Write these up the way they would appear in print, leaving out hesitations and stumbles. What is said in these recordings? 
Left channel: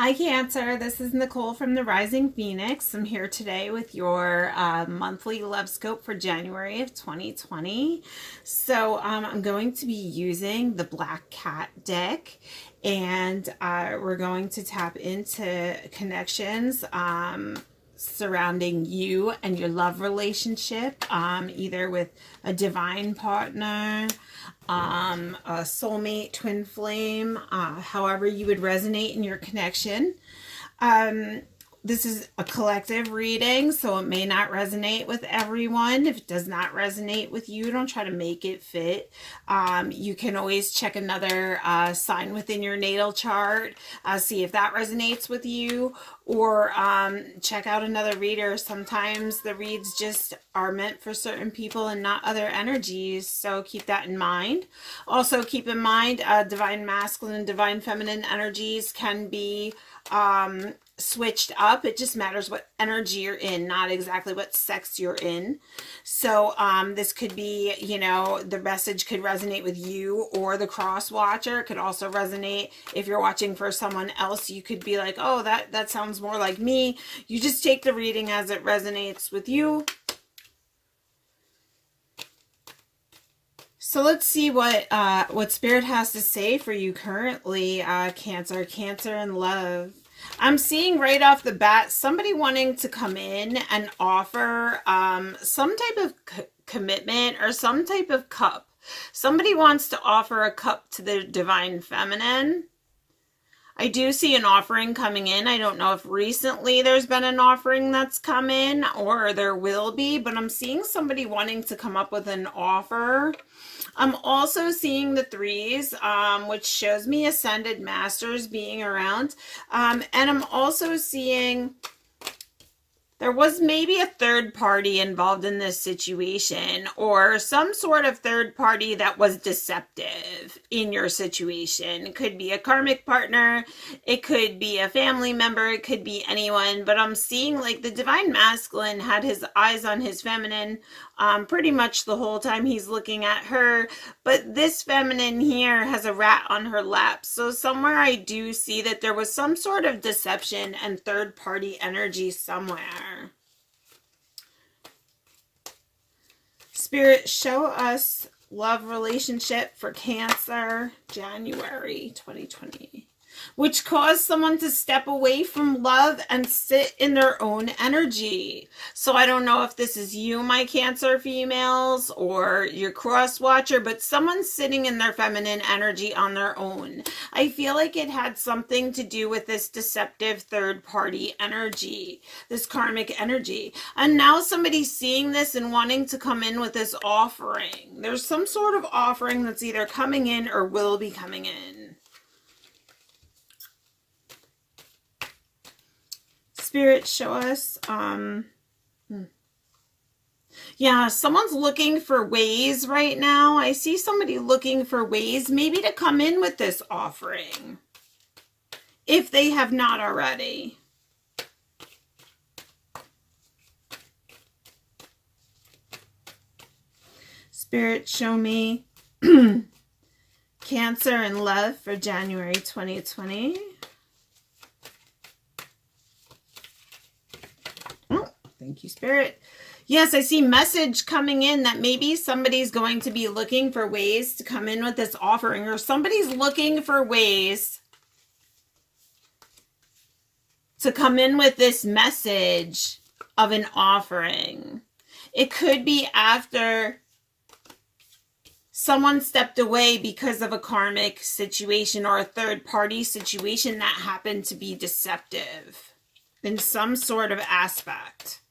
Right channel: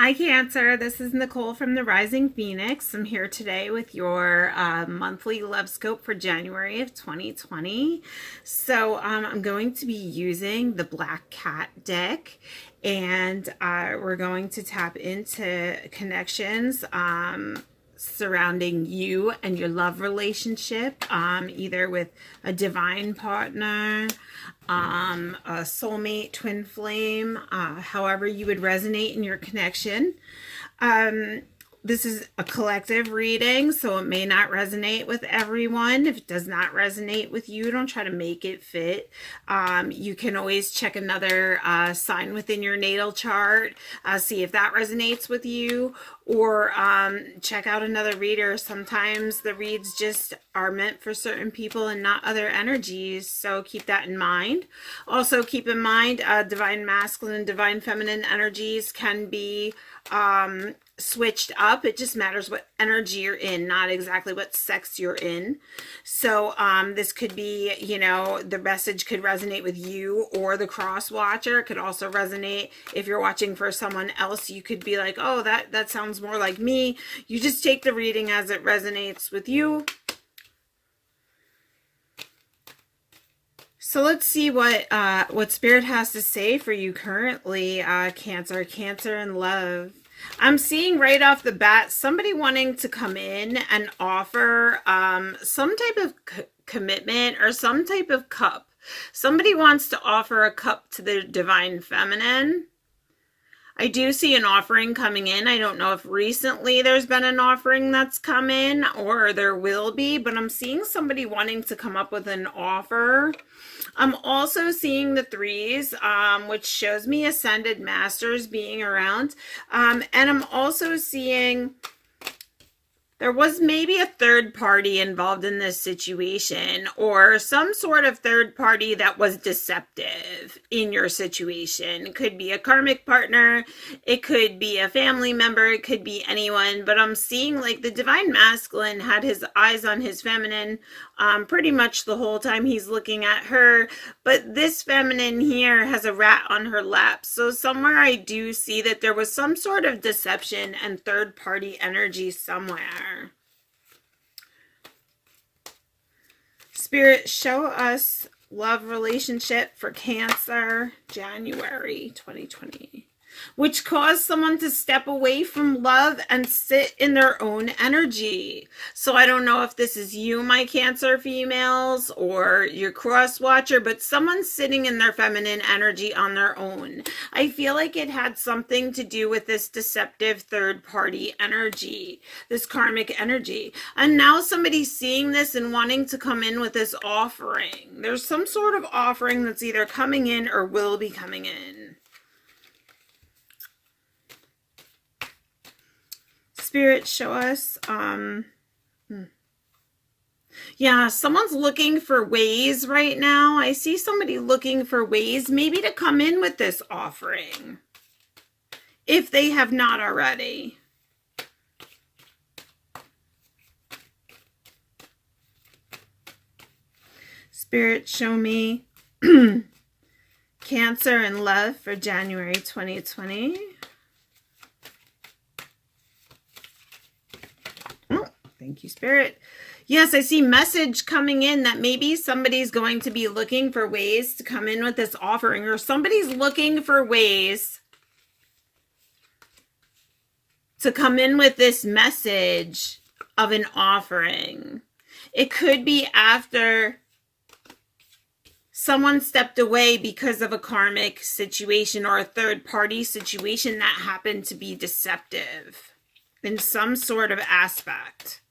Hi, Cancer. This is Nicole from the Rising Phoenix. I'm here today with your monthly love scope for January of 2020. So I'm going to be using the Black Cat deck, and we're going to tap into connections surrounding you and your love relationship, either with a divine partner, a soulmate, twin flame, however you would resonate in your connection. This is a collective reading, so it may not resonate with everyone. If it does not resonate with you, don't try to make it fit. You can always check another sign within your natal chart, see if that resonates with you, or check out another reader. Sometimes the reads just are meant for certain people and not other energies, so keep that in mind. Also keep in mind divine masculine and divine feminine energies can be switched up. It just matters what energy you're in, not exactly what sex you're in. So this could be, you know, the message could resonate with you or the cross watcher. It could also resonate if you're watching for someone else. You could be like, oh, that sounds more like me. You just take the reading as it resonates with you. So let's see what Spirit has to say for you currently, Cancer and love. I'm seeing right off the bat somebody wanting to come in and offer some type of commitment or some type of cup. Somebody wants to offer a cup to the divine feminine. I do see an offering coming in. I don't know if recently there's been an offering that's come in or there will be, but I'm seeing somebody wanting to come up with an offer. I'm also seeing the threes, which shows me ascended masters being around. And I'm also seeing there was maybe a third party involved in this situation, or some sort of third party that was deceptive in your situation. It could be a karmic partner, it could be a family member, it could be anyone, but I'm seeing like the divine masculine had his eyes on his feminine pretty much the whole time he's looking at her, but this feminine here has a rat on her lap. So somewhere I do see that there was some sort of deception and third party energy somewhere. Spirit, show us love relationship for Cancer, January 2020. Which caused someone to step away from love and sit in their own energy. So I don't know if this is you, my Cancer females, or your cross watcher, but someone's sitting in their feminine energy on their own. I feel like it had something to do with this deceptive third party energy, this karmic energy. And now somebody's seeing this and wanting to come in with this offering. There's some sort of offering that's either coming in or will be coming in. Spirit, show us, yeah, someone's looking for ways right now. I see somebody looking for ways maybe to come in with this offering, if they have not already. Spirit, show me Cancer and love for January 2020. Thank you, Spirit. Yes, I see message coming in that maybe somebody's going to be looking for ways to come in with this offering, or somebody's looking for ways to come in with this message of an offering. It could be after someone stepped away because of a karmic situation or a third party situation that happened to be deceptive in some sort of aspect.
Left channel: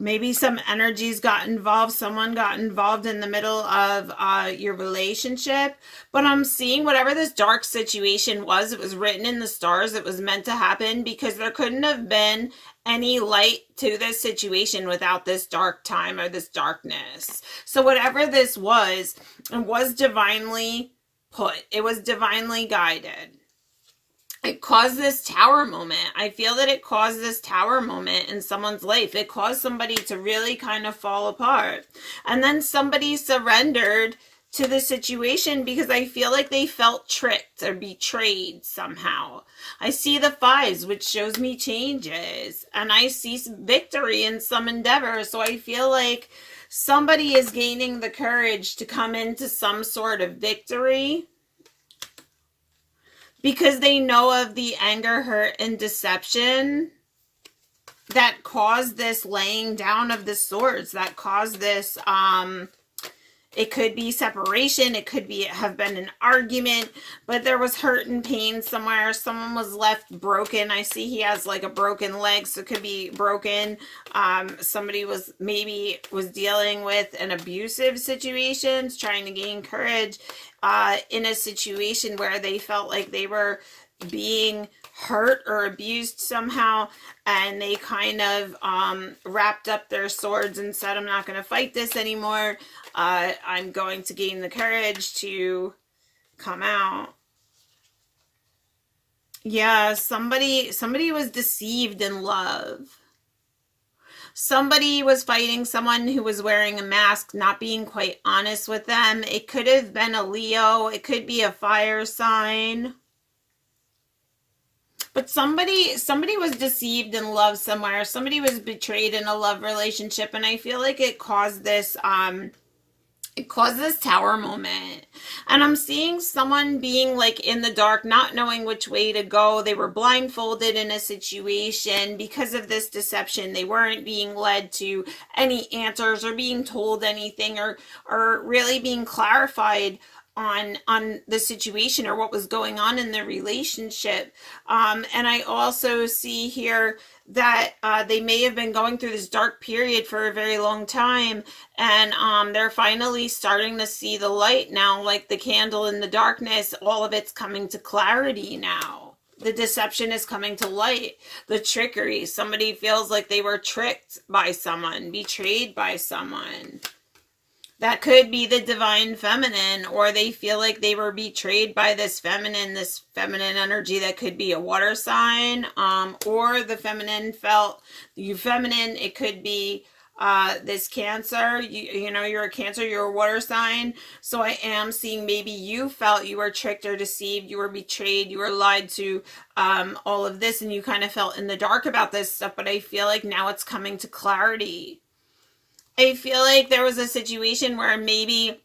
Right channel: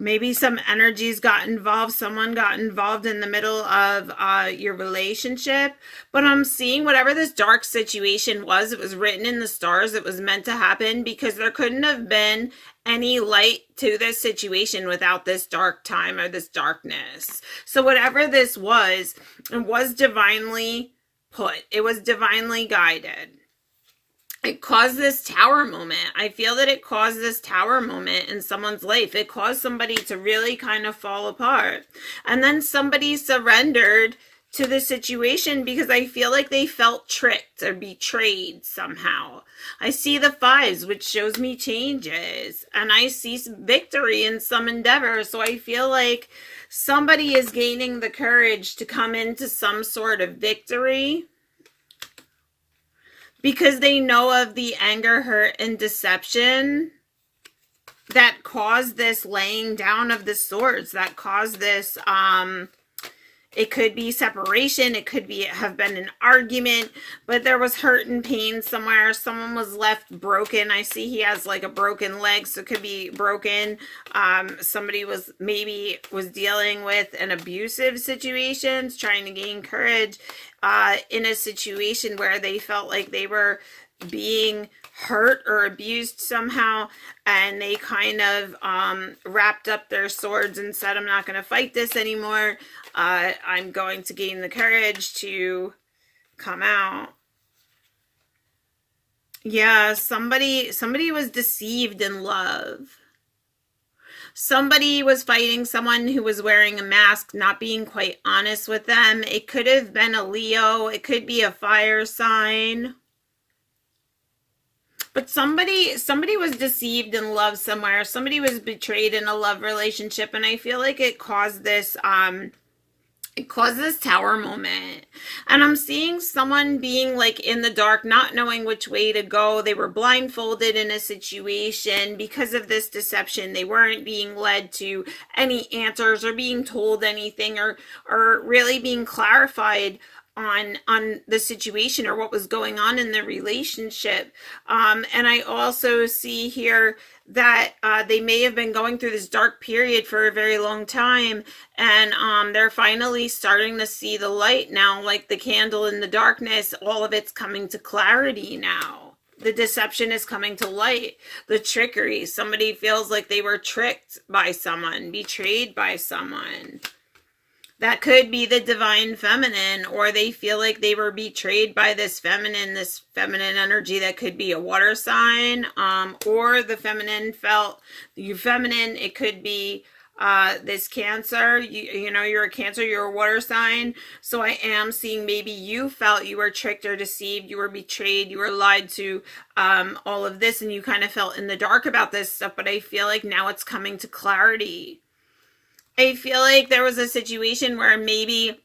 Maybe some energies got involved. Someone got involved in the middle of your relationship. But I'm seeing whatever this dark situation was, it was written in the stars. It was meant to happen because there couldn't have been any light to this situation without this dark time or this darkness. So whatever this was, it was divinely put. It was divinely guided. It caused this tower moment. I feel that it caused this tower moment in someone's life. It caused somebody to really kind of fall apart. And then somebody surrendered to the situation because I feel like they felt tricked or betrayed somehow. I see the fives, which shows me changes, and I see victory in some endeavor. So I feel like somebody is gaining the courage to come into some sort of victory because they know of the anger, hurt, and deception that caused this laying down of the swords, that caused this, it could be separation, it could be have been an argument, but there was hurt and pain somewhere. Someone was left broken. I see he has like a broken leg, so it could be broken. Somebody was dealing with an abusive situation, trying to gain courage in a situation where they felt like they were being hurt or abused somehow, and they kind of wrapped up their swords and said, I'm not going to fight this anymore. I'm going to gain the courage to come out. Yeah, somebody was deceived in love. Somebody was fighting someone who was wearing a mask, not being quite honest with them. It could have been a Leo. It could be a fire sign. But somebody was deceived in love somewhere. Somebody was betrayed in a love relationship, and I feel like it caused this tower moment. And I'm seeing someone being like in the dark, not knowing which way to go. They were blindfolded in a situation because of this deception. They weren't being led to any answers or being told anything or really being clarified on the situation or what was going on in the relationship. And I also see here that they may have been going through this dark period for a very long time, and they're finally starting to see the light now, like the candle in the darkness. All of it's coming to clarity now. The deception is coming to light. The trickery. Somebody feels like they were tricked by someone, betrayed by someone. That could be the divine feminine, or they feel like they were betrayed by this feminine energy that could be a water sign, or the feminine felt you feminine. It could be this Cancer. You know, you're a Cancer, you're a water sign. So I am seeing maybe you felt you were tricked or deceived, you were betrayed, you were lied to, all of this, and you kind of felt in the dark about this stuff, but I feel like now it's coming to clarity. I feel like there was a situation where maybe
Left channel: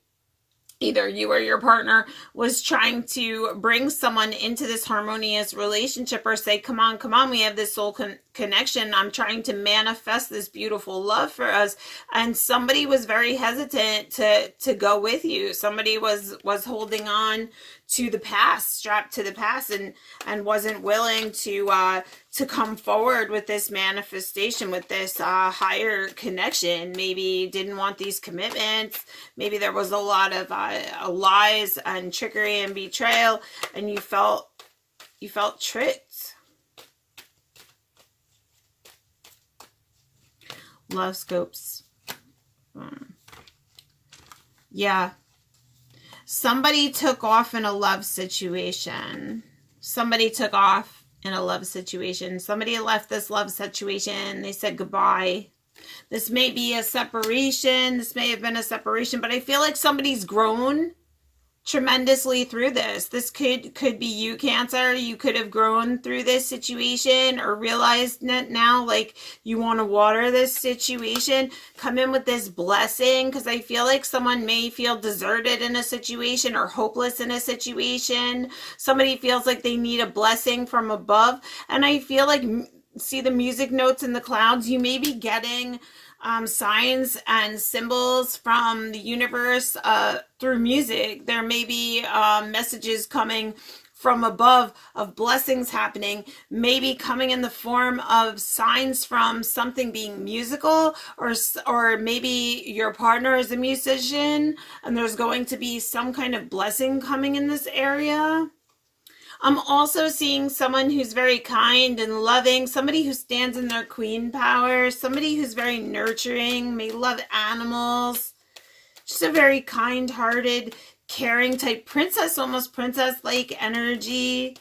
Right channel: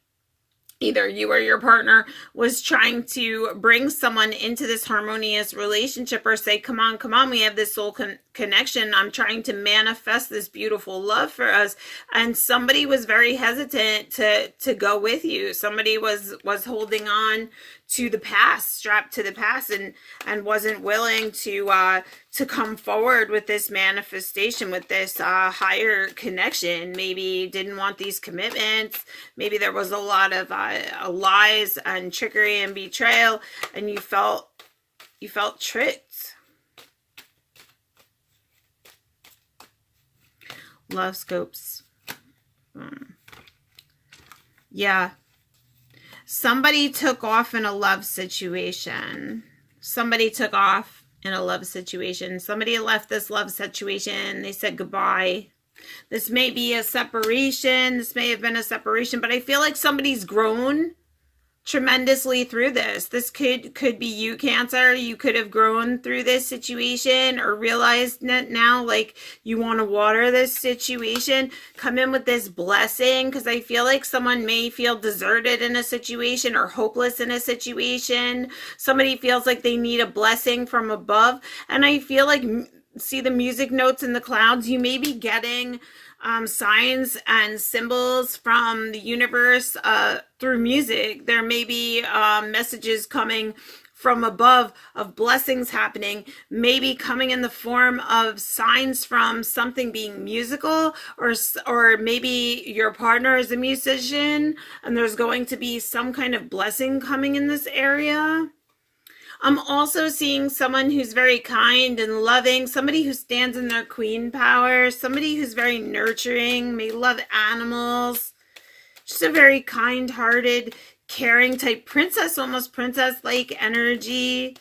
either you or your partner was trying to bring someone into this harmonious relationship or say, come on, we have this soul connection. I'm trying to manifest this beautiful love for us. And somebody was very hesitant to go with you. Somebody was holding on to the past, strapped to the past, and wasn't willing to come forward with this manifestation, with this higher connection. Maybe didn't want these commitments. Maybe there was a lot of lies and trickery and betrayal, and you felt tricked. Love scopes. Yeah. Somebody took off in a love situation. Somebody took off in a love situation. Somebody left this love situation. They said goodbye. This may be a separation. This may have been a separation, but I feel like somebody's grown tremendously through this. This could be you, Cancer. You could have grown through this situation or realized that now, like, you want to water this situation. Come in with this blessing, because I feel like someone may feel deserted in a situation or hopeless in a situation. Somebody feels like they need a blessing from above, and I feel like, see the music notes in the clouds, you may be getting signs and symbols from the universe through music. There may be messages coming from above of blessings happening, maybe coming in the form of signs from something being musical, or maybe your partner is a musician and there's going to be some kind of blessing coming in this area. I'm also seeing someone who's very kind and loving, somebody who stands in their queen power, somebody who's very nurturing, may love animals, just a very kind-hearted, caring type princess, almost princess-like energy.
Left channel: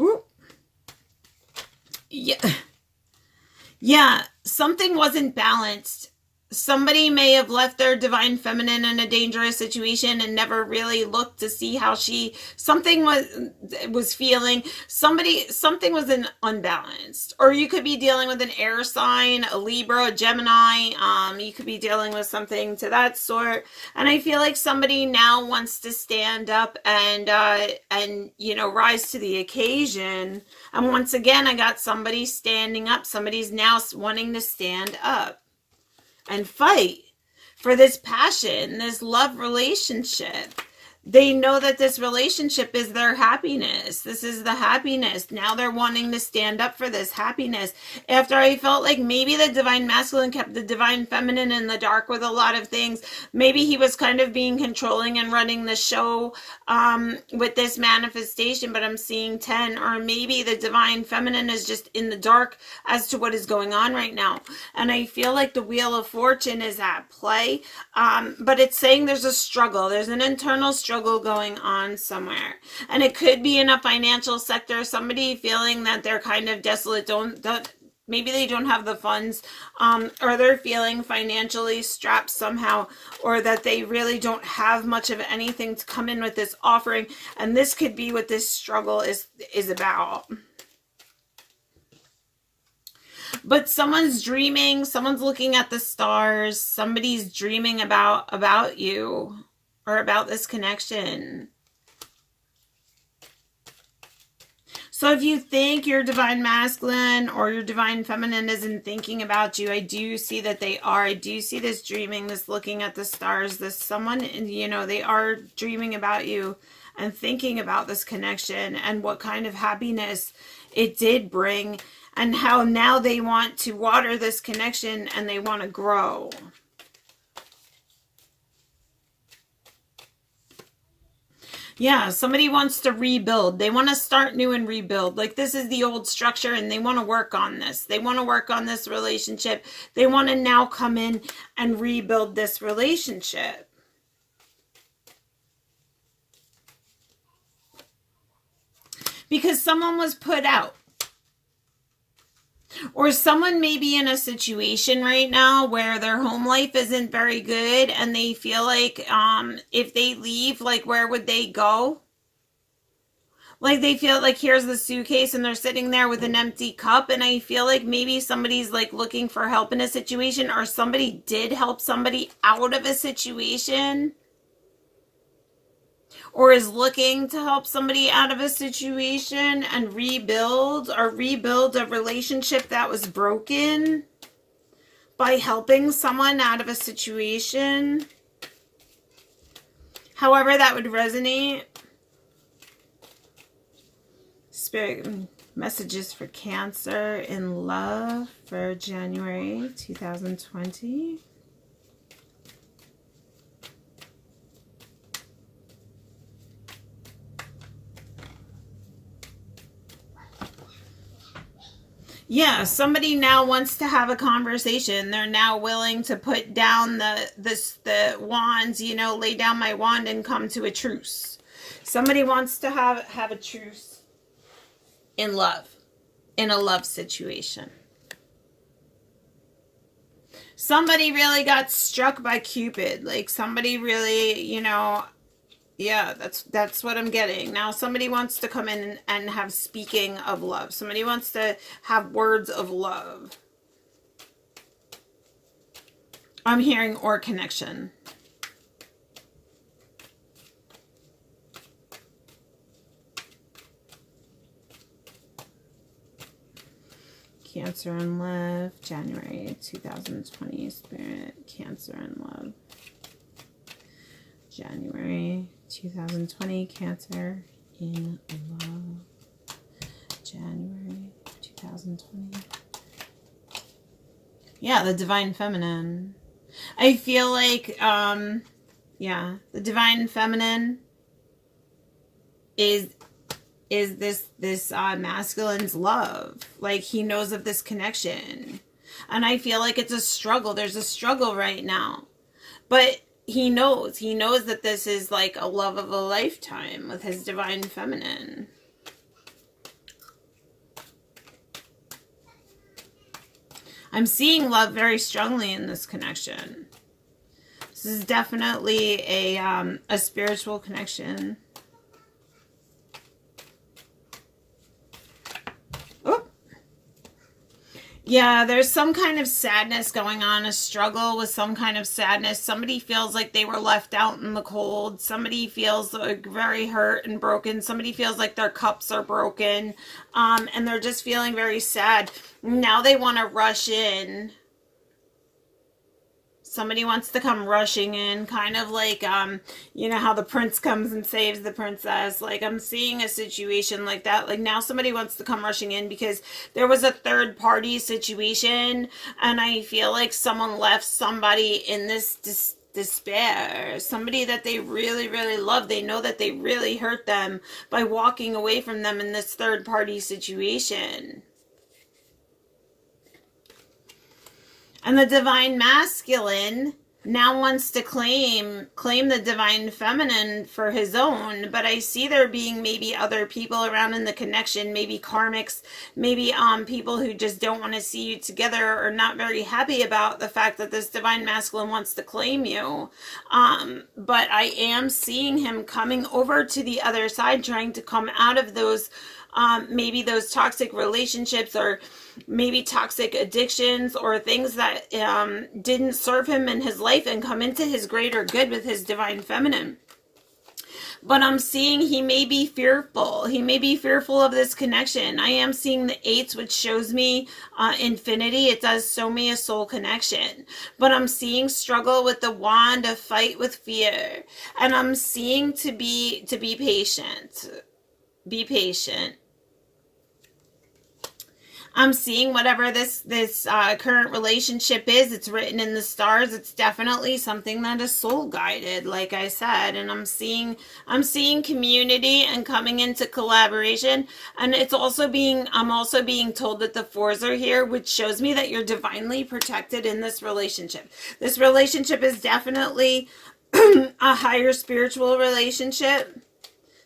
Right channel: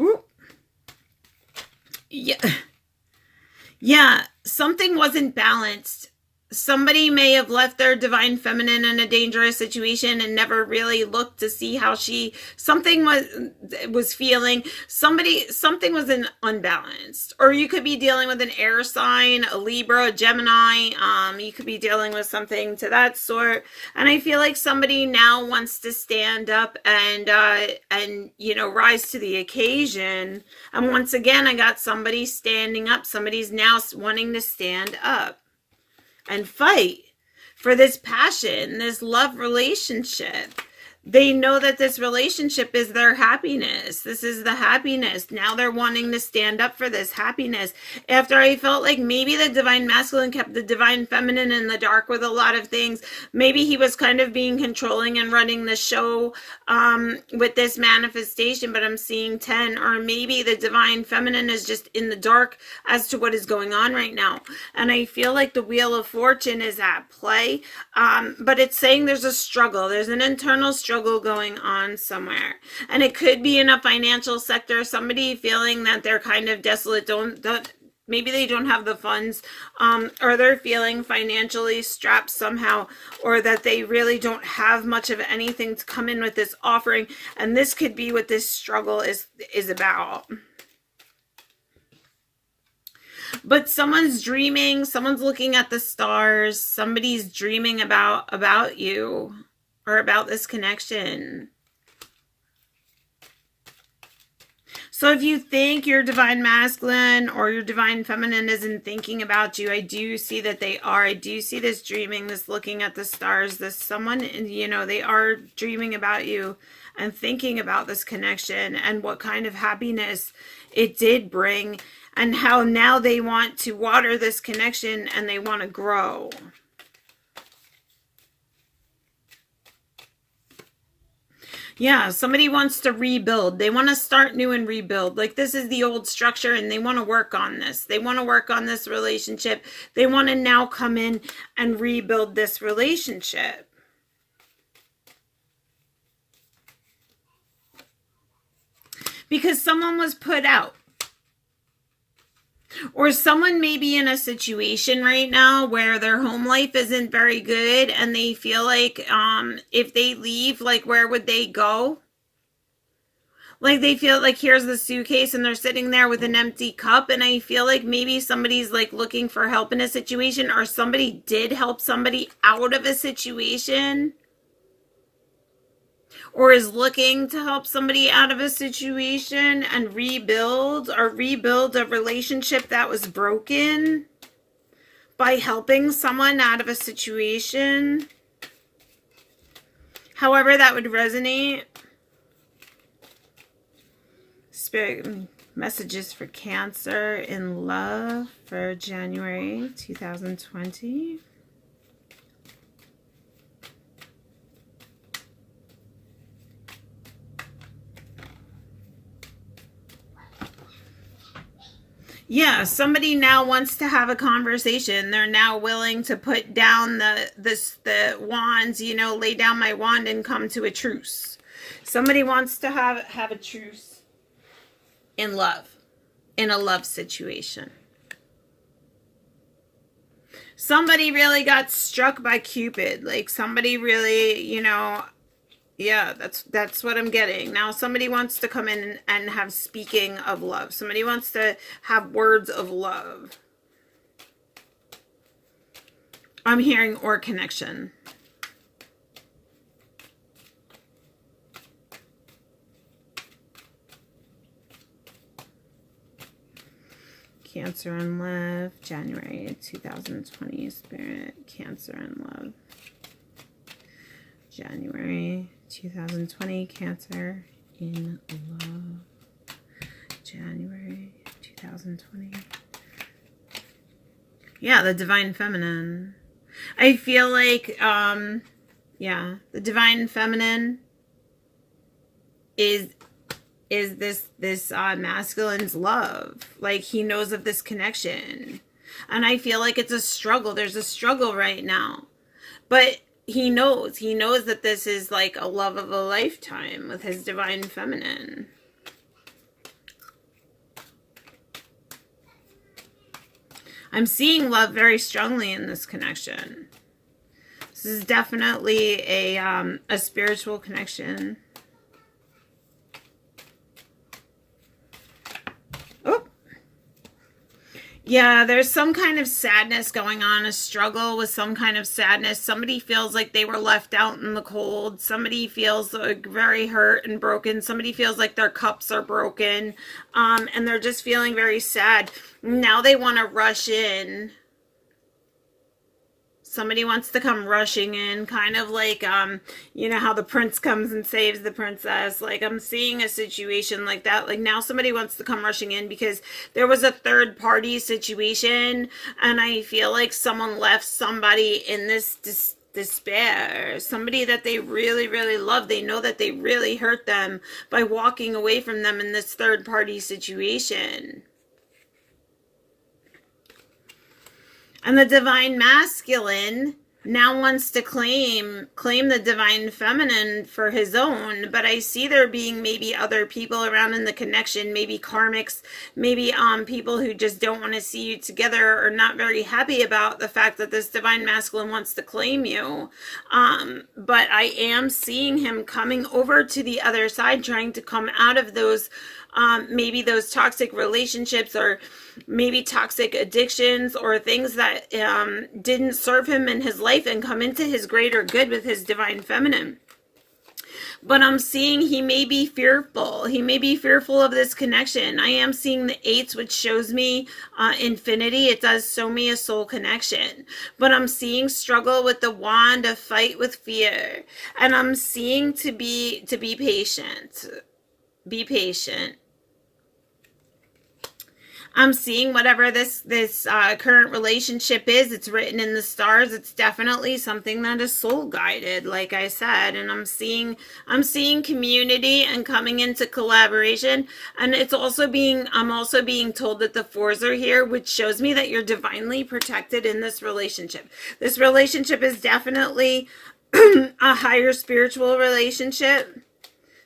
Ooh. Yeah. something wasn't balanced. Somebody may have left their divine feminine in a dangerous situation and never really looked to see how something was feeling. Something was unbalanced. Or you could be dealing with an air sign, a Libra, a Gemini. You could be dealing with something to that sort. And I feel like somebody now wants to stand up and rise to the occasion. And once again, I got somebody standing up. Somebody's now wanting to stand up and fight for this passion, this love relationship. They know that this relationship is their happiness. This is the happiness. Now they're wanting to stand up for this happiness. After I felt like maybe the divine masculine kept the divine feminine in the dark with a lot of things. Maybe he was kind of being controlling and running the show with this manifestation, but I'm seeing 10. Or maybe the divine feminine is just in the dark as to what is going on right now. And I feel like the Wheel of Fortune is at play, but it's saying there's a struggle. There's an internal struggle going on somewhere, and it could be in a financial sector. Somebody feeling that they're kind of desolate, maybe they don't have the funds, or they're feeling financially strapped somehow, or that they really don't have much of anything to come in with this offering. And this could be what this struggle is about. But someone's dreaming, someone's looking at the stars, somebody's dreaming about you, or about this connection. So if you think your divine masculine or your divine feminine isn't thinking about you, I do see that they are. I do see this dreaming, this looking at the stars, this someone, they are dreaming about you and thinking about this connection and what kind of happiness it did bring, and how now they want to water this connection and they want to grow. Yeah, somebody wants to rebuild. They want to start new and rebuild. Like, this is the old structure and they want to work on this. They want to work on this relationship. They want to now come in and rebuild this relationship. Because someone was put out. Or someone may be in a situation right now where their home life isn't very good, and they feel like if they leave, like, where would they go? Like, they feel like here's the suitcase and they're sitting there with an empty cup. And I feel like maybe somebody's like looking for help in a situation, or somebody did help somebody out of a situation, or is looking to help somebody out of a situation and rebuild a relationship that was broken by helping someone out of a situation. However that would resonate. Spirit messages for Cancer in love for January 2020. Yeah, somebody now wants to have a conversation. They're now willing to put down the wands, lay down my wand and come to a truce. Somebody wants to have a truce in love, in a love situation. Somebody really got struck by Cupid. Like, somebody really, yeah, that's what I'm getting. Now somebody wants to come in and have speaking of love. Somebody wants to have words of love. I'm hearing or connection. Cancer in love, January 2020, Spirit, Cancer in love. January 2020, Cancer in love. January 2020. Yeah, the divine feminine. I feel like, the divine feminine is this masculine's love. Like, he knows of this connection. And I feel like it's a struggle. There's a struggle right now. But he knows that this is like a love of a lifetime with his divine feminine. I'm seeing love very strongly in this connection. This is definitely a spiritual connection. Oh, yeah, there's some kind of sadness going on, a struggle with some kind of sadness. Somebody feels like they were left out in the cold. Somebody feels like very hurt and broken. Somebody feels like their cups are broken, and they're just feeling very sad. Now they want to rush in. Somebody wants to come rushing in, kind of like, you know how the prince comes and saves the princess. Like, I'm seeing a situation like that. Like, now somebody wants to come rushing in because there was a third party situation, and I feel like someone left somebody in this despair. Somebody that they really, really love. They know that they really hurt them by walking away from them in this third party situation. And the divine masculine now wants to claim the divine feminine for his own, but I see there being maybe other people around in the connection, maybe karmics, maybe people who just don't want to see you together or not very happy about the fact that this divine masculine wants to claim you. But I am seeing him coming over to the other side, trying to come out of those maybe those toxic relationships, or maybe toxic addictions, or things that didn't serve him in his life, and come into his greater good with his divine feminine. But I'm seeing he may be fearful. He may be fearful of this connection. I am seeing the eights, which shows me infinity. It does show me a soul connection. But I'm seeing struggle with the wand, a fight with fear. And I'm seeing to be patient. Be patient. I'm seeing whatever this current relationship is, it's written in the stars. It's definitely something that is soul guided, like I said. And I'm seeing community and coming into collaboration. And I'm also being told that the fours are here, which shows me that you're divinely protected in this relationship. This relationship is definitely a higher spiritual relationship.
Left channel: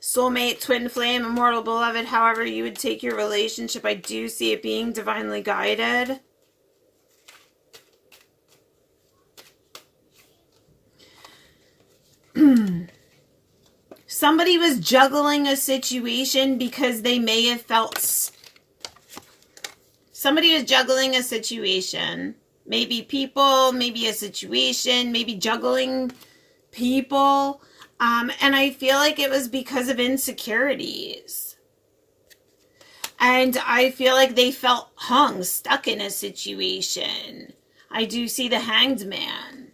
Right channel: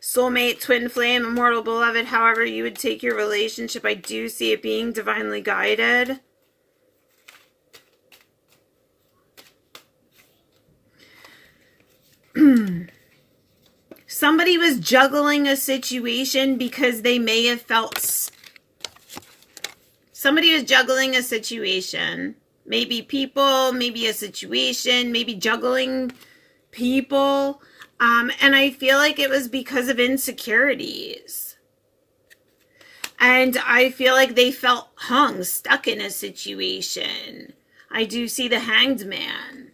Soulmate, twin flame, immortal beloved, however you would take your relationship. I do see it being divinely guided. Somebody was juggling a situation because they may have felt... Somebody was juggling a situation. Maybe people, maybe a situation, maybe juggling people. And I feel like it was because of insecurities. And I feel like they felt stuck in a situation. I do see the Hanged Man.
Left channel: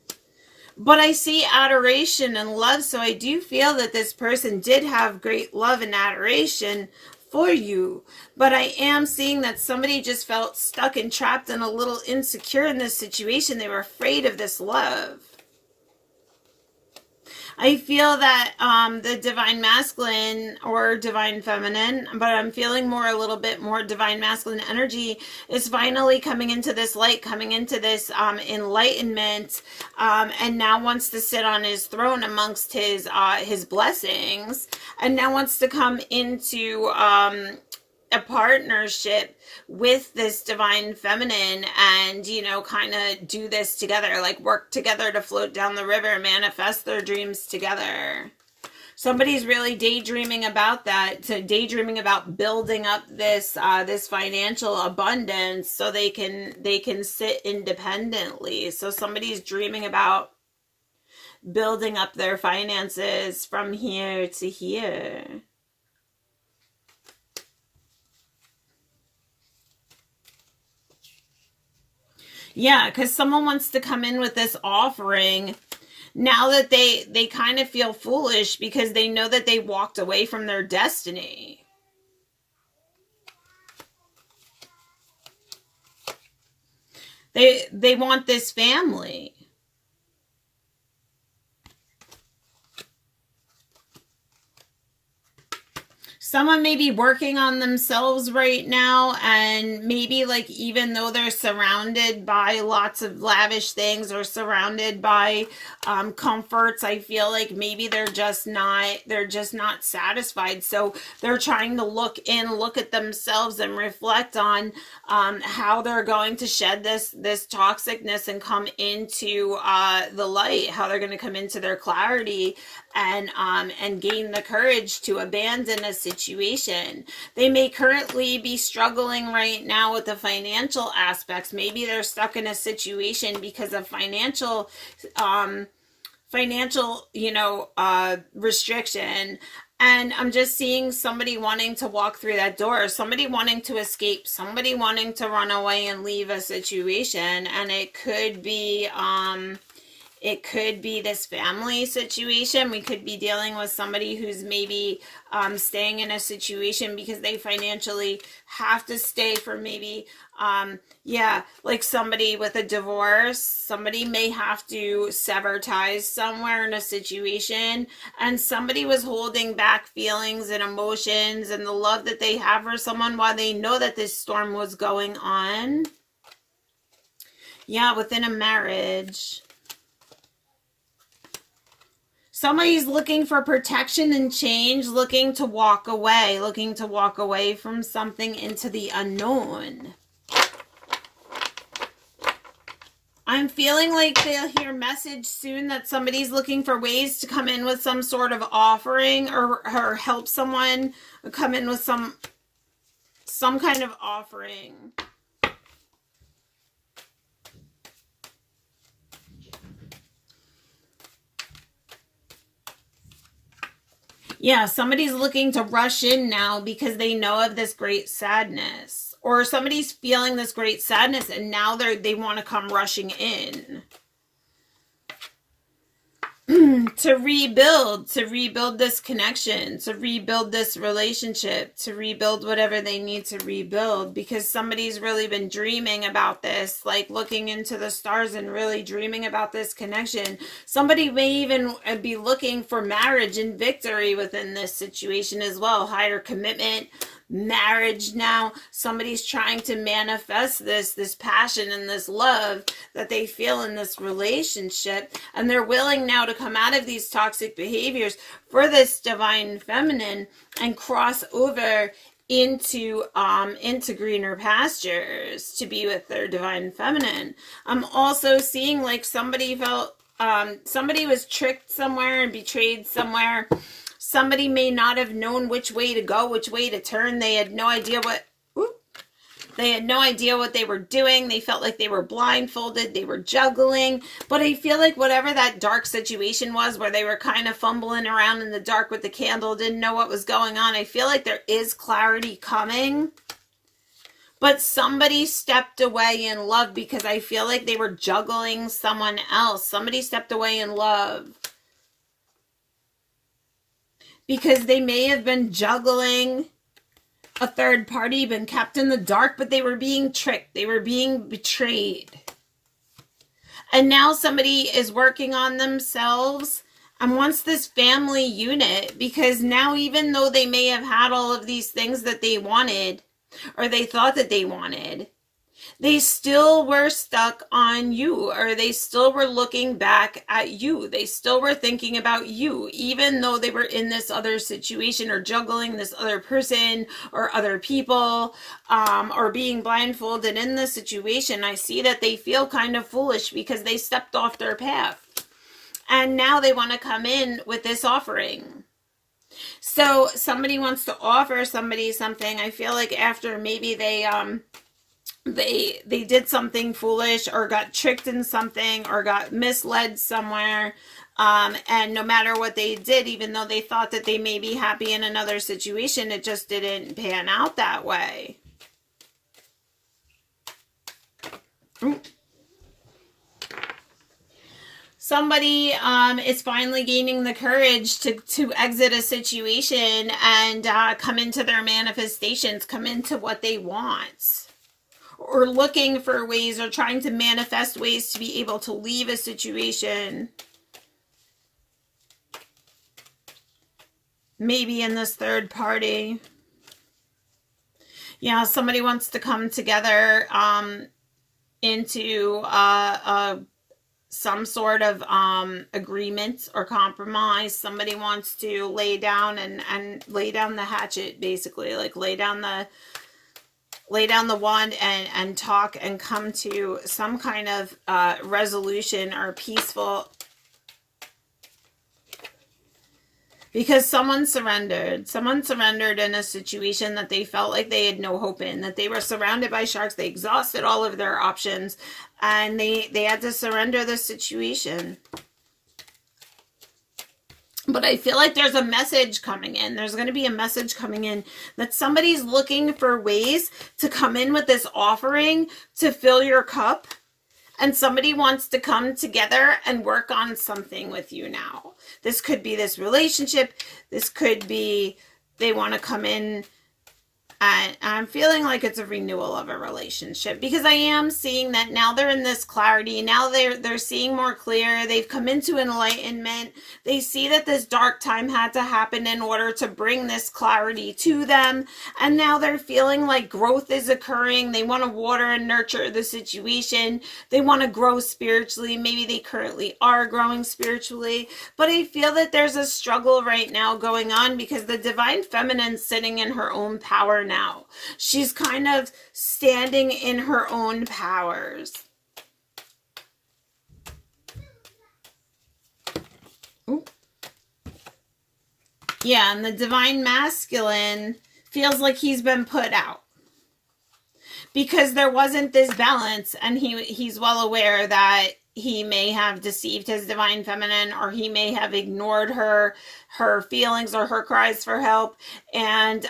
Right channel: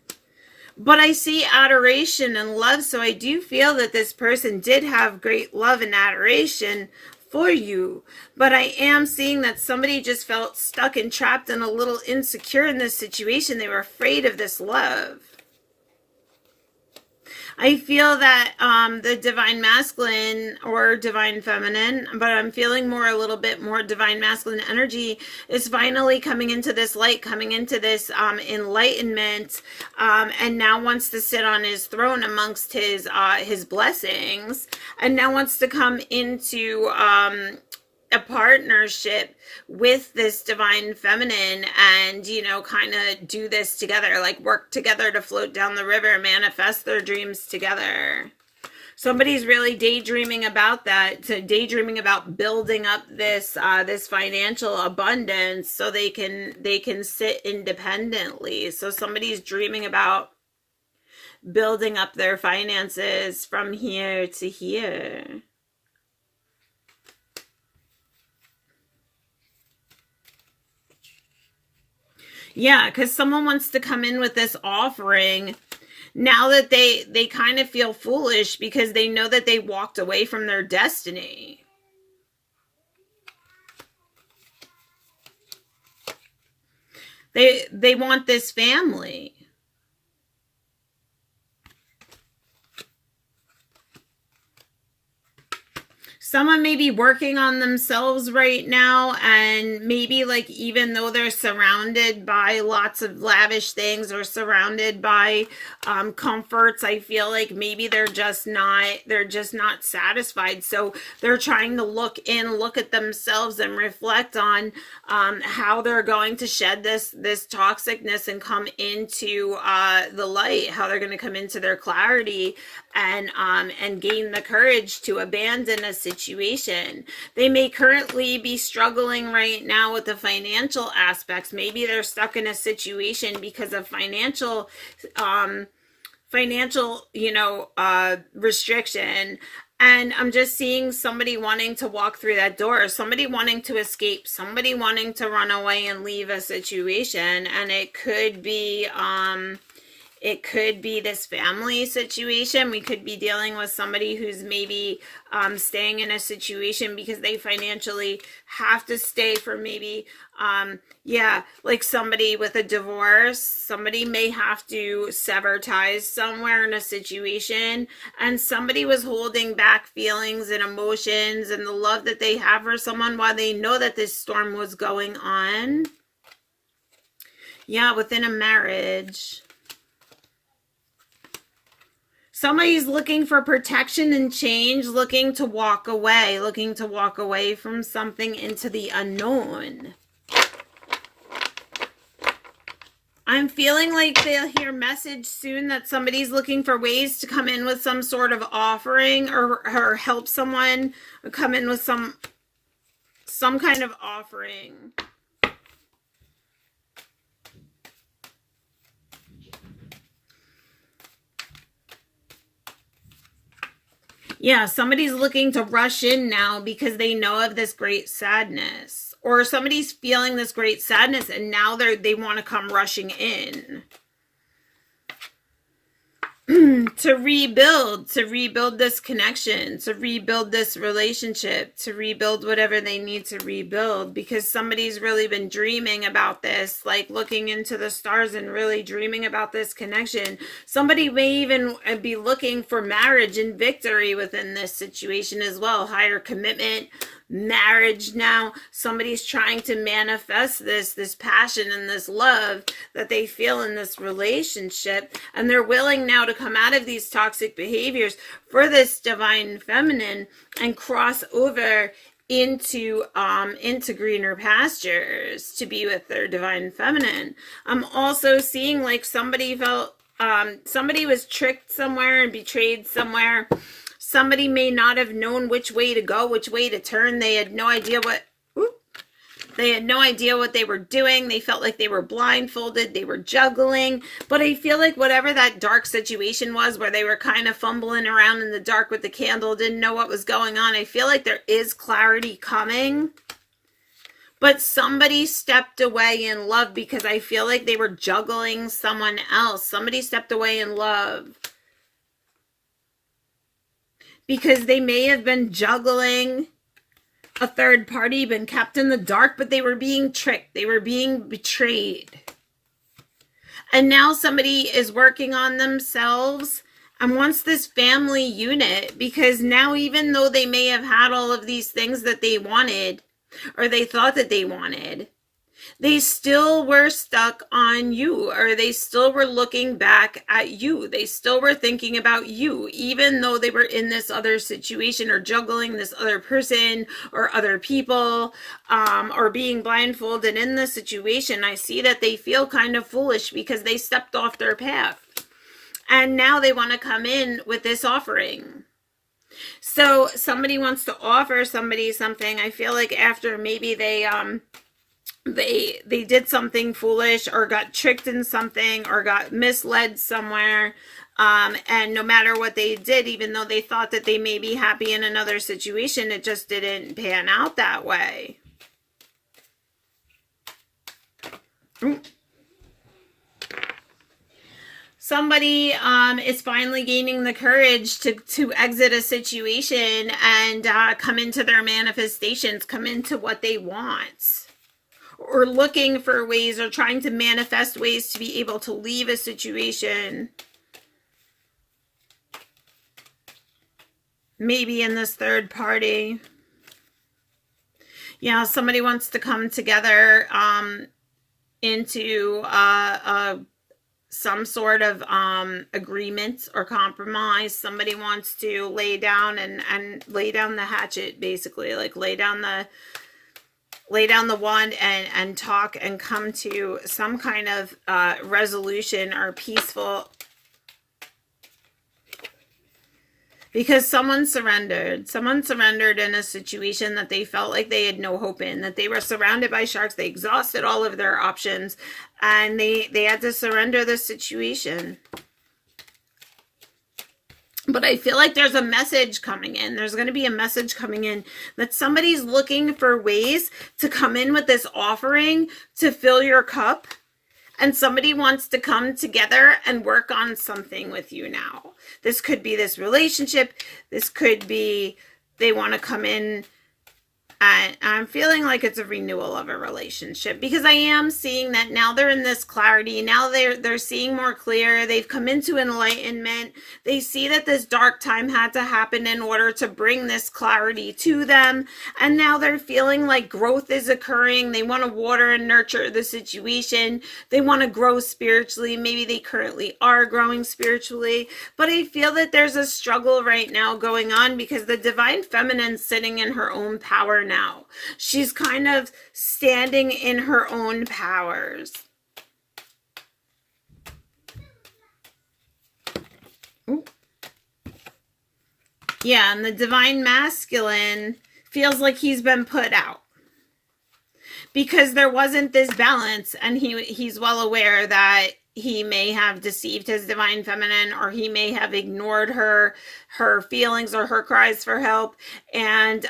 But I see adoration and love, so I do feel that this person did have great love and adoration for you. But I am seeing that somebody just felt stuck and trapped and a little insecure in this situation. They were afraid of this love. I feel that the divine masculine or divine feminine, but I'm feeling a little bit more divine masculine energy is finally coming into this light, coming into this enlightenment, and now wants to sit on his throne amongst his blessings, and now wants to come into a partnership with this divine feminine, and kind of do this together, like work together to float down the river, manifest their dreams together. Somebody's really daydreaming about that, so daydreaming about building up this this financial abundance so they can sit independently. So somebody's dreaming about building up their finances from here to here. Yeah, because someone wants to come in with this offering now that they kind of feel foolish because they know that they walked away from their destiny. They want this family. Someone may be working on themselves right now, and maybe like even though they're surrounded by lots of lavish things or surrounded by comforts. I feel like maybe they're just not satisfied. So they're trying to look at themselves and reflect on how they're going to shed this toxicness and come into the light, how they're going to come into their clarity and gain the courage to abandon a situation. They may currently be struggling right now with the financial aspects. Maybe they're stuck in a situation because of financial restriction. And I'm just seeing somebody wanting to walk through that door, somebody wanting to escape, somebody wanting to run away and leave a situation. And it could be this family situation. We could be dealing with somebody who's maybe staying in a situation because they financially have to stay for maybe, like somebody with a divorce. Somebody may have to sever ties somewhere in a situation, and somebody was holding back feelings and emotions and the love that they have for someone while they know that this storm was going on. Yeah, within a marriage. Somebody's looking for protection and change, looking to walk away from something into the unknown. I'm feeling like they'll hear a message soon that somebody's looking for ways to come in with some sort of offering or help someone come in with some kind of offering. Yeah, somebody's looking to rush in now because they know of this great sadness. Or somebody's feeling this great sadness and now they want to come rushing in. to rebuild this connection, to rebuild this relationship, to rebuild whatever they need to rebuild, because somebody's really been dreaming about this, like looking into the stars and really dreaming about this connection. Somebody may even be looking for marriage and victory within this situation as well. Higher commitment, marriage. Now somebody's trying to manifest this passion and this love that they feel in this relationship, and they're willing now to come out of these toxic behaviors for this divine feminine and cross over into greener pastures to be with their divine feminine. I'm also seeing like somebody felt somebody was tricked somewhere and betrayed somewhere. Somebody may not have known which way to go, which way to turn. They had no idea what they were doing. They felt like they were blindfolded. They were juggling. But I feel like whatever that dark situation was where they were kind of fumbling around in the dark with the candle, didn't know what was going on, I feel like there is clarity coming. But somebody stepped away in love because I feel like they were juggling someone else. Somebody stepped away in love because they may have been juggling a third party, been kept in the dark, but they were being tricked. They were being betrayed. And now somebody is working on themselves and wants this family unit, because now even though they may have had all of these things that they wanted or they thought that they wanted, they still were stuck on you, or they still were looking back at you. They still were thinking about you, even though they were in this other situation or juggling this other person or other people, or being blindfolded in this situation. I see that they feel kind of foolish because they stepped off their path. And now they want to come in with this offering. So somebody wants to offer somebody something. I feel like after maybe they did something foolish or got tricked in something or got misled somewhere, and no matter what they did, even though they thought that they may be happy in another situation, it just didn't pan out that way. Somebody is finally gaining the courage to exit a situation and come into their manifestations, come into what they want, or looking for ways or trying to manifest ways to be able to leave a situation. Maybe in this third party. Yeah, somebody wants to come together into some sort of agreement or compromise. Somebody wants to lay down and lay down the hatchet, basically, like lay down the wand and talk and come to some kind of resolution or peaceful, because someone surrendered in a situation that they felt like they had no hope in, that they were surrounded by sharks. They exhausted all of their options and they had to surrender the situation. But I feel like there's a message coming in. There's going to be a message coming in that somebody's looking for ways to come in with this offering to fill your cup. And somebody wants to come together and work on something with you now. This could be this relationship. This could be they want to come in. And I'm feeling like it's a renewal of a relationship, because I am seeing that now they're in this clarity. Now they're seeing more clear. They've come into enlightenment. They see that this dark time had to happen in order to bring this clarity to them. And now they're feeling like growth is occurring. They want to water and nurture the situation. They want to grow spiritually. Maybe they currently are growing spiritually. But I feel that there's a struggle right now going on, because the divine feminine's sitting in her own power now. She's kind of standing in her own powers. Ooh. Yeah, and the divine masculine feels like he's been put out, because there wasn't this balance, and he's well aware that he may have deceived his divine feminine, or he may have ignored her feelings or her cries for help, and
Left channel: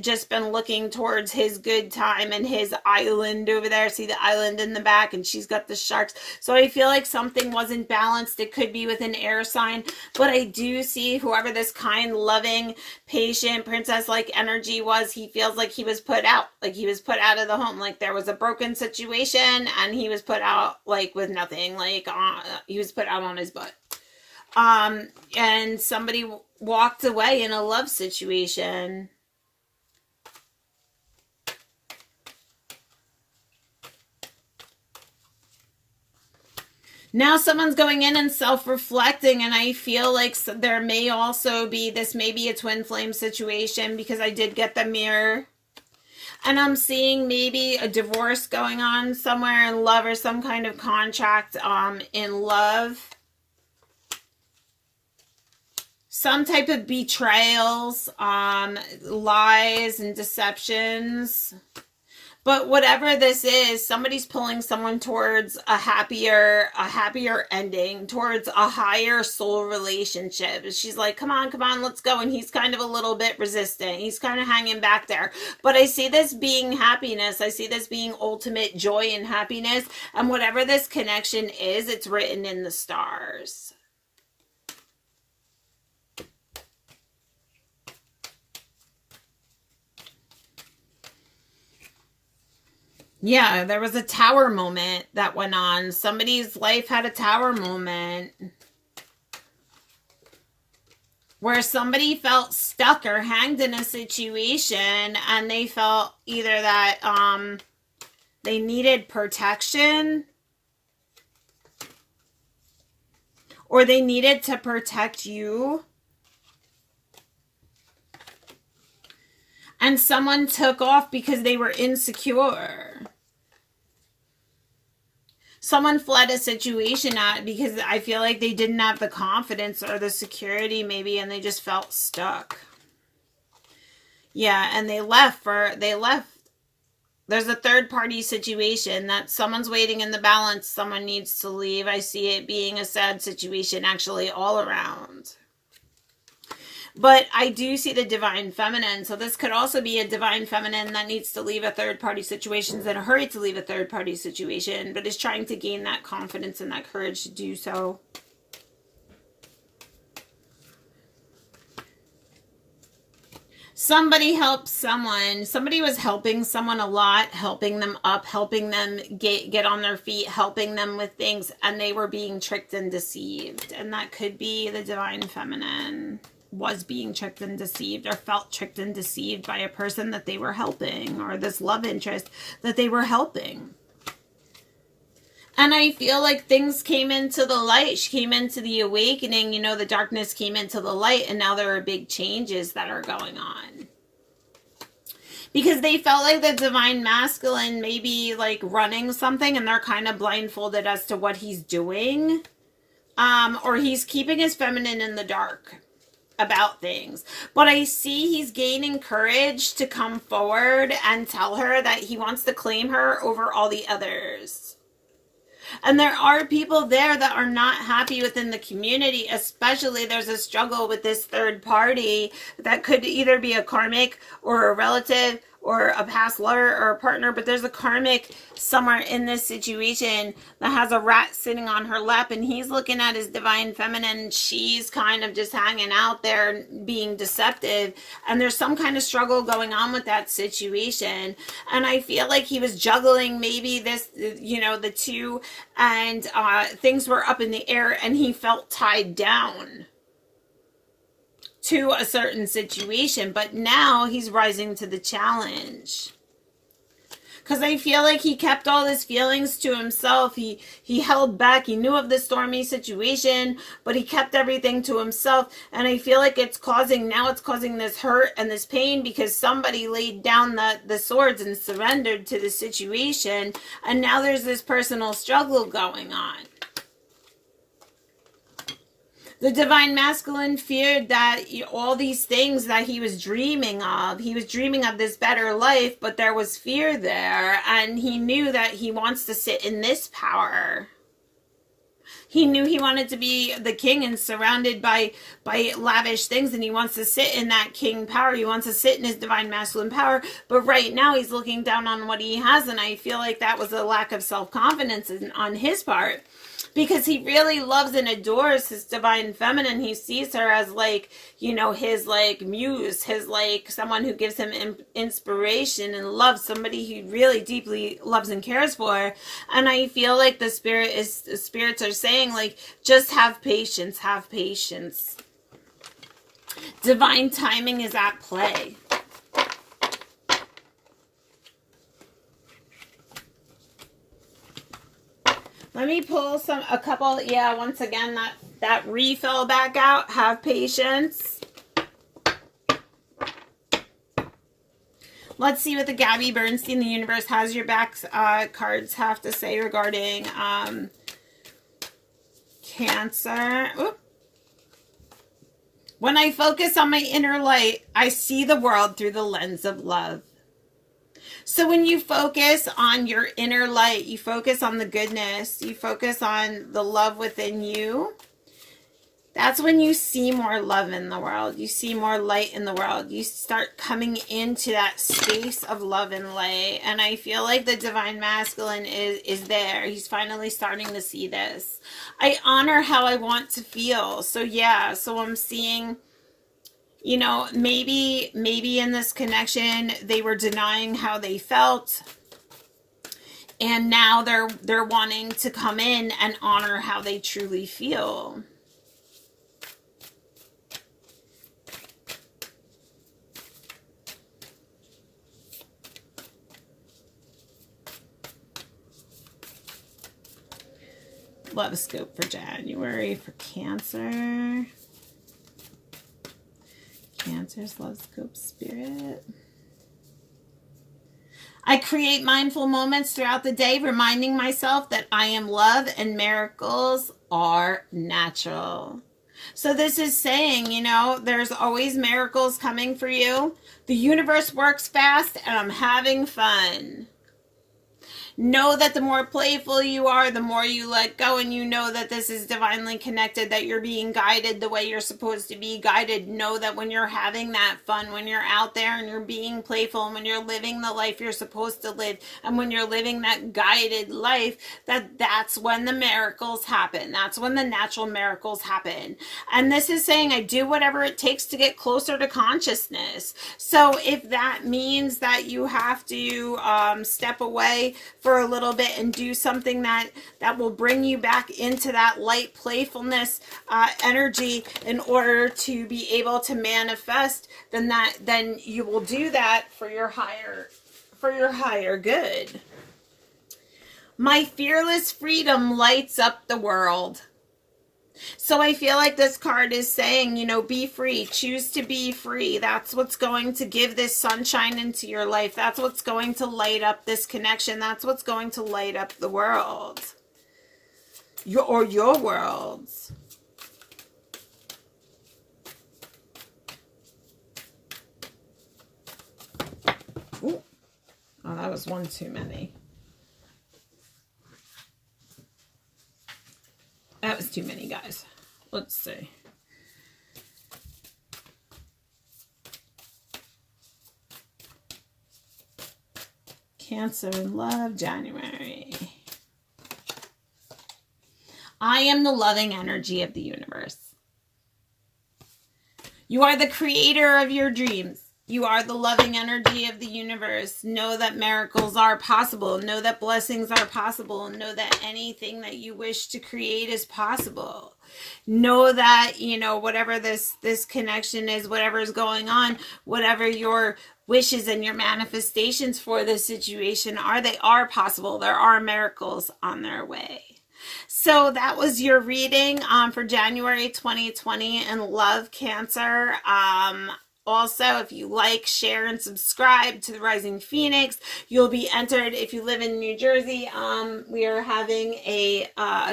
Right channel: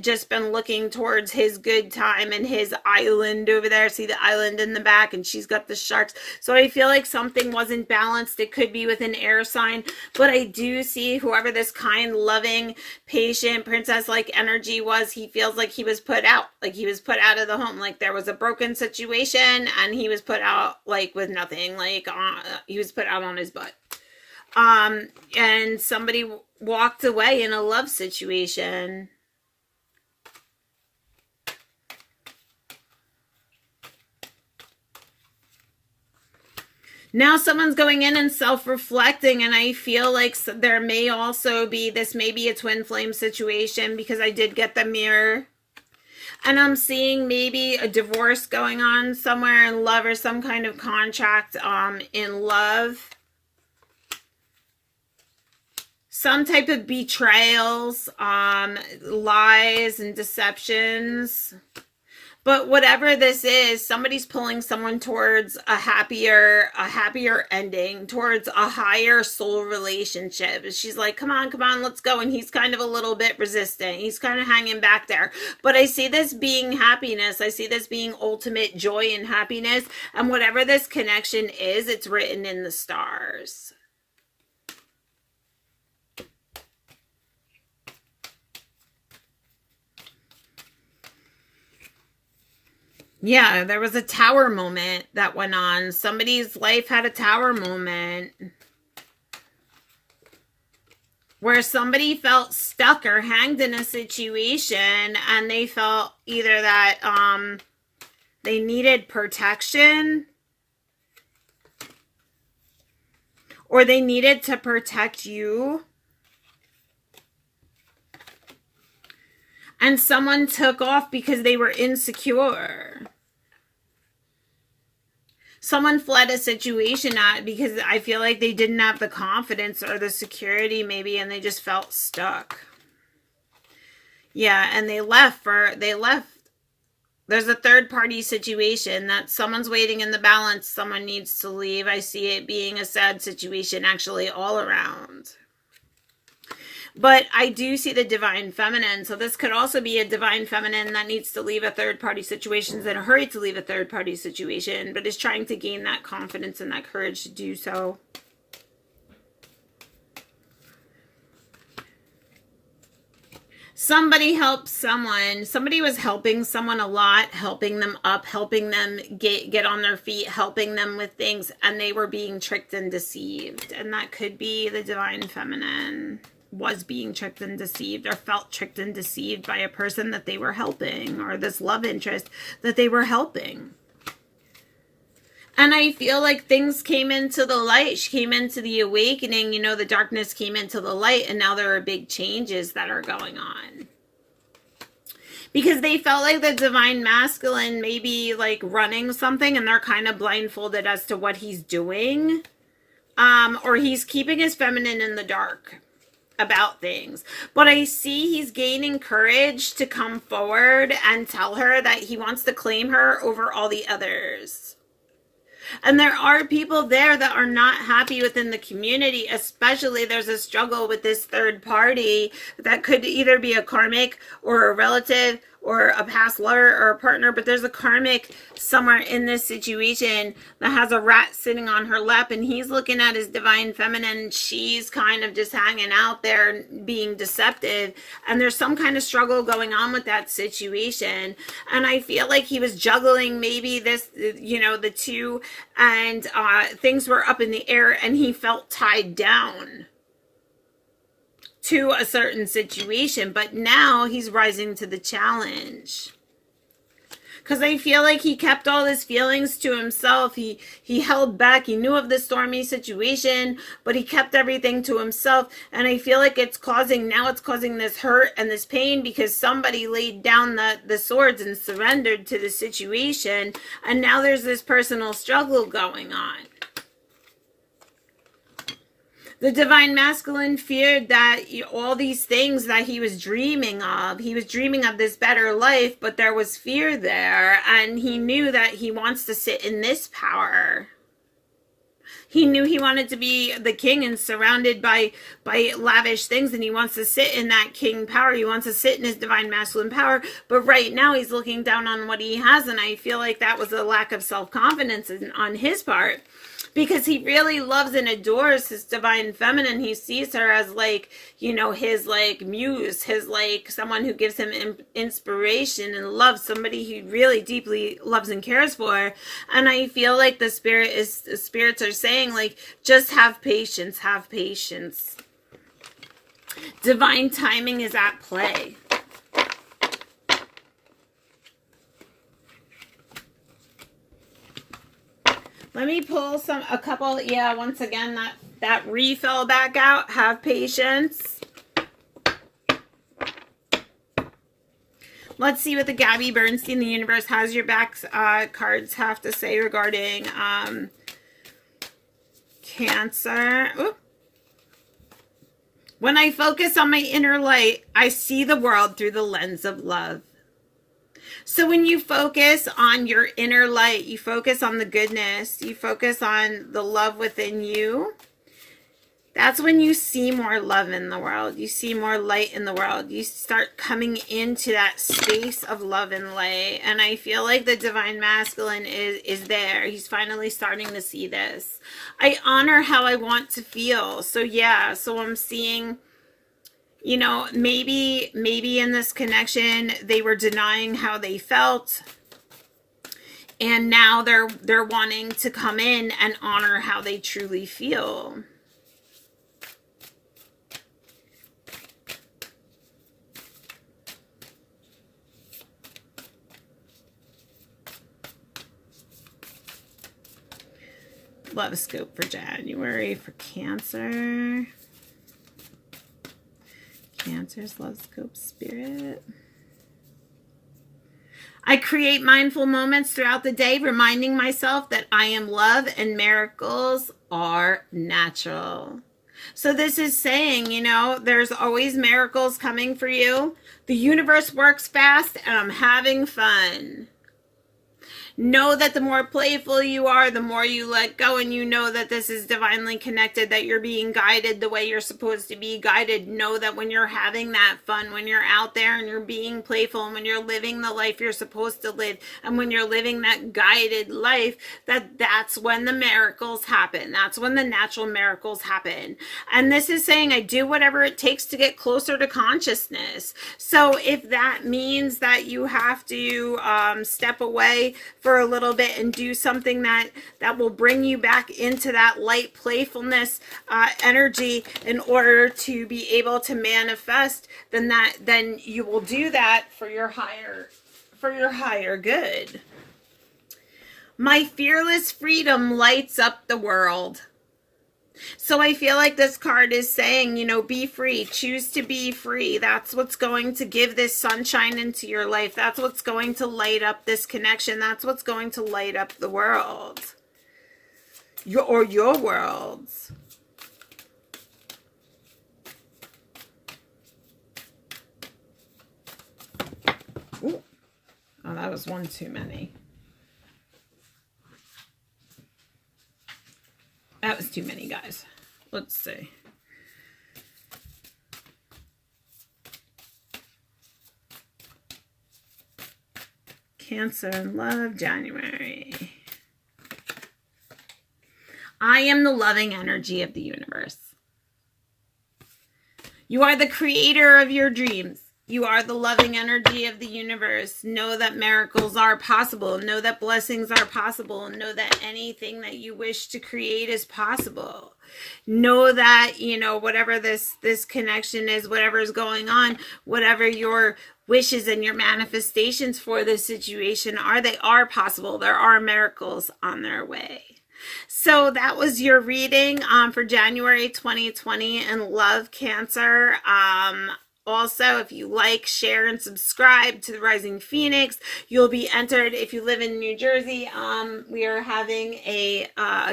just been looking towards his good time and his island over there. See the island in the back, and she's got the sharks. So I feel like something wasn't balanced. It could be with an air sign, but I do see whoever this kind, loving, patient, princess-like energy was, he feels like he was put out. Like he was put out of the home. Like there was a broken situation, and he was put out like with nothing. Like he was put out on his butt. And somebody walked away in a love situation. Now someone's going in and self-reflecting, and I feel like there may also be, this may be a twin flame situation, because I did get the mirror. And I'm seeing maybe a divorce going on somewhere in love, or some kind of contract in love. Some type of betrayals, lies and deceptions. But whatever this is, somebody's pulling someone towards a happier ending, towards a higher soul relationship. She's like, come on, let's go. And he's kind of a little bit resistant. He's kind of hanging back there. But I see this being happiness. I see this being ultimate joy and happiness. And whatever this connection is, it's written in the stars. Yeah, there was a tower moment that went on. Somebody's life had a tower moment where somebody felt stuck or hanged in a situation, and they felt either that they needed protection, or they needed to protect you. And someone took off because they were insecure. Someone fled a situation because I feel like they didn't have the confidence or the security maybe, and they just felt stuck. Yeah, and they left. There's a third party situation that someone's waiting in the balance. Someone needs to leave. I see it being a sad situation actually all around. But I do see the divine feminine. So this could also be a divine feminine that needs to leave a third-party situation, in a hurry to leave a third-party situation, but is trying to gain that confidence and that courage to do so. Somebody helped someone. Somebody was helping someone a lot, helping them up, helping them get on their feet, helping them with things, and they were being tricked and deceived. And that could be the divine feminine was being tricked and deceived, or felt tricked and deceived by a person that they were helping, or this love interest that they were helping. And I feel like things came into the light. She came into the awakening, you know, the darkness came into the light, and now there are big changes that are going on. Because they felt like the divine masculine may be like running something, and they're kind of blindfolded as to what he's doing. Or he's keeping his feminine in the dark about things. But I see he's gaining courage to come forward and tell her that he wants to claim her over all the others. And there are people there that are not happy within the community, especially there's a struggle with this third party that could either be a karmic or a relative or a past lover or a partner, but there's a karmic somewhere in this situation that has a rat sitting on her lap, and he's looking at his divine feminine. She's kind of just hanging out there being deceptive, and there's some kind of struggle going on with that situation. And I feel like he was juggling maybe this, you know, the two, and things were up in the air, and he felt tied down to a certain situation, but now he's rising to the challenge. Because I feel like he kept all his feelings to himself. He held back. He knew of the stormy situation, but he kept everything to himself. And I feel like it's causing this hurt and this pain because somebody laid down the swords and surrendered to the situation. And now there's this personal struggle going on. The divine masculine feared that all these things that he was dreaming of this better life, but there was fear there, and he knew that he wants to sit in this power. He knew he wanted to be the king and surrounded by lavish things, and he wants to sit in that king power. He wants to sit in his divine masculine power, but right now he's looking down on what he has, and I feel like that was a lack of self-confidence on his part. Because he really loves and adores his divine feminine. He sees her as like, you know, his like muse, his like someone who gives him inspiration and loves, somebody he really deeply loves and cares for. And I feel like the spirits are saying like, just have patience, have patience. Divine timing is at play. Let me pull a couple, once again, that refill back out. Have patience. Let's see what the Gabby Bernstein, the universe has your back cards have to say regarding Cancer. Oop. When I focus on my inner light, I see the world through the lens of love. So when you focus on your inner light, you focus on the goodness, you focus on the love within you, that's when you see more love in the world. You see more light in the world. You start coming into that space of love and light. And I feel like the divine masculine is there. He's finally starting to see this. I honor how I want to feel. So yeah, so I'm seeing, you know, maybe in this connection, they were denying how they felt. And now they're wanting to come in and honor how they truly feel. Love scope for January for Cancer. Cancer's love scope spirit. I create mindful moments throughout the day, reminding myself that I am love and miracles are natural. So this is saying, you know, there's always miracles coming for you. The universe works fast and I'm having fun. Know that the more playful you are, the more you let go, and you know that this is divinely connected, that you're being guided the way you're supposed to be guided. Know that when you're having that fun, when you're out there and you're being playful, and when you're living the life you're supposed to live, and when you're living that guided life, that's when the miracles happen. That's when the natural miracles happen. And this is saying I do whatever it takes to get closer to consciousness. So if that means that you have to step away for a little bit and do something that will bring you back into that light playfulness energy in order to be able to manifest, then you will do that for your higher good. My fearless freedom lights up the world. So I feel like this card is saying, you know, be free, choose to be free. That's what's going to give this sunshine into your life. That's what's going to light up this connection. That's what's going to light up the world. Your worlds. Ooh. Oh, that was one too many. That was too many, guys. Let's see. Cancer in love, January. I am the loving energy of the universe. You are the creator of your dreams. You are the loving energy of the universe. Know that miracles are possible. Know that blessings are possible. And know that anything that you wish to create is possible. Know that, you know, whatever this connection is, whatever is going on, whatever your wishes and your manifestations for this situation are, they are possible. There are miracles on their way. So that was your reading for January 2020 in Love, Cancer. Also, if you like, share, and subscribe to the Rising Phoenix, you'll be entered. If you live in New Jersey, we are having a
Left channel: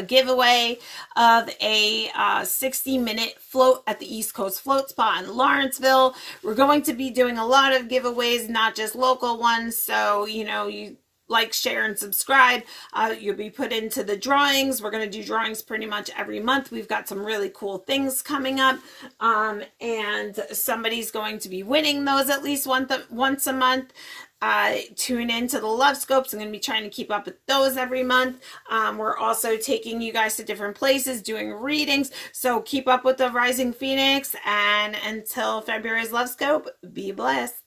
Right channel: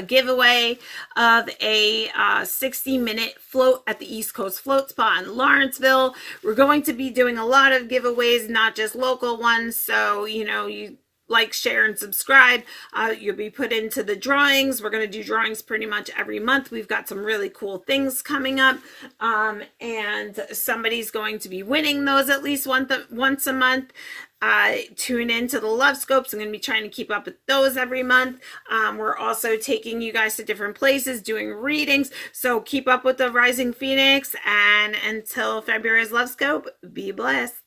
giveaway of a 60-minute float at the East Coast Float Spot in Lawrenceville. We're going to be doing a lot of giveaways, not just local ones. So, you know, you like, share, and subscribe. You'll be put into the drawings. We're going to do drawings pretty much every month. We've got some really cool things coming up. And somebody's going to be winning those at least once a month. Tune into the Love Scopes. I'm going to be trying to keep up with those every month. We're also taking you guys to different places, doing readings. So keep up with the Rising Phoenix. And until February's Love Scope, be blessed.